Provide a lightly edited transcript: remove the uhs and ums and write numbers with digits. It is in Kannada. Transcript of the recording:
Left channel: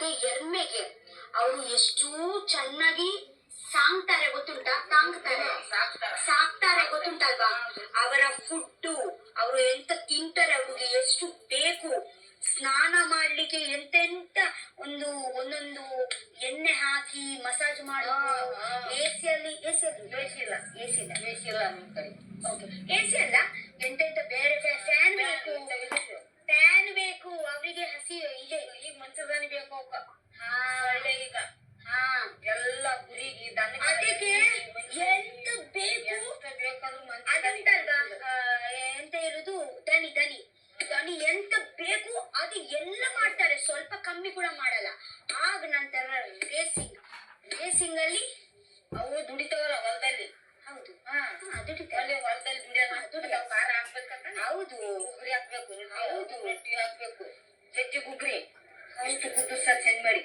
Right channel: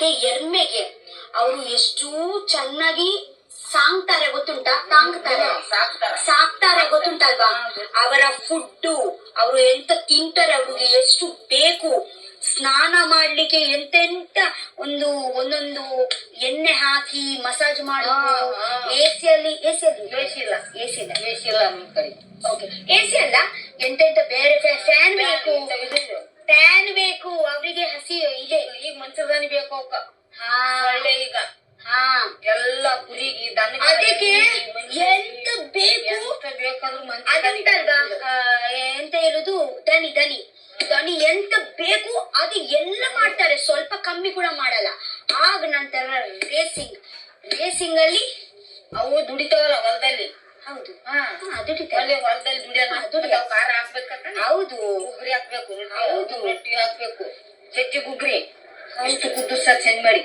ಅದೇ ಎರ್ಮೆಗೆ ಅವರು ಎಷ್ಟು ಚೆನ್ನಾಗಿ ಸಾಕ್ತಾರೆ ಗೊತ್ತುಂಟಾ, ಸಾಕ್ತಾರೆ ಗೊತ್ತುಂಟಲ್ವಾ. ಅವರ ಫುಡ್ಡು, ಅವರು ಎಂತ ತಿಂತಾರೆ, ಅವ್ರಿಗೆ ಎಷ್ಟು ಬೇಕು, ಸ್ನಾನ ಮಾಡ್ಲಿಕ್ಕೆ ಎಂತೆಂತ ಒಂದೊಂದು ಎಣ್ಣೆ ಹಾಕಿ ಮಸಾಜ್ ಮಾಡೋದು. ಎಸಿ ಅಲ್ಲ, ಎಂತೆಂತ ಬೇರೆ ಫ್ಯಾನ್ ಬೇಕು, ಅವರಿಗೆ ಹಸಿ ಇದೆ. ಈಗ ಮಂಚದಾನಿ ಬೇಕು ಅವಕ್ಕ. ಒಳ್ಳೆ ಈಗ ಎಲ್ಲ ಕುರಿಗೆ ಅದಕ್ಕೆ ಎಂತ ಬೇಕು ಅದುಂಟಲ್ವಾ, ಎಂತ ಹೇಳುದು, ದನಿ ಎಂತ ಬೇಕು ಅದು ಎಲ್ಲ ಮಾಡ್ತಾರೆ, ಸ್ವಲ್ಪ ಕಮ್ಮಿ ಕೂಡ ಮಾಡಲ್ಲ. ಆಗ ನಂತರ ರೇಸಿಂಗ್ ಅಲ್ಲಿ ಅವು ದುಡಿತಾವಲ್ಲ ಹೊಲದಲ್ಲಿ. ಹೌದು, ದುಡಿತಾವಲ್ಲಿ ಹೊಲದಲ್ಲಿ ದುಡಿಯೋ ಖಾರ ಹಾಕ್ಬೇಕಂತ. ಹೌದು, ಗುಗ್ರಿ ಹಾಕ್ಬೇಕು, ಹೌದು, ರೊಟ್ಟಿ ಹಾಕ್ಬೇಕು, ಚಜ್ಜಿ ಗುಗ್ರಿ ಇಷ್ಟು ಕುದ್ದು ಚಂದ ಮಾಡಿ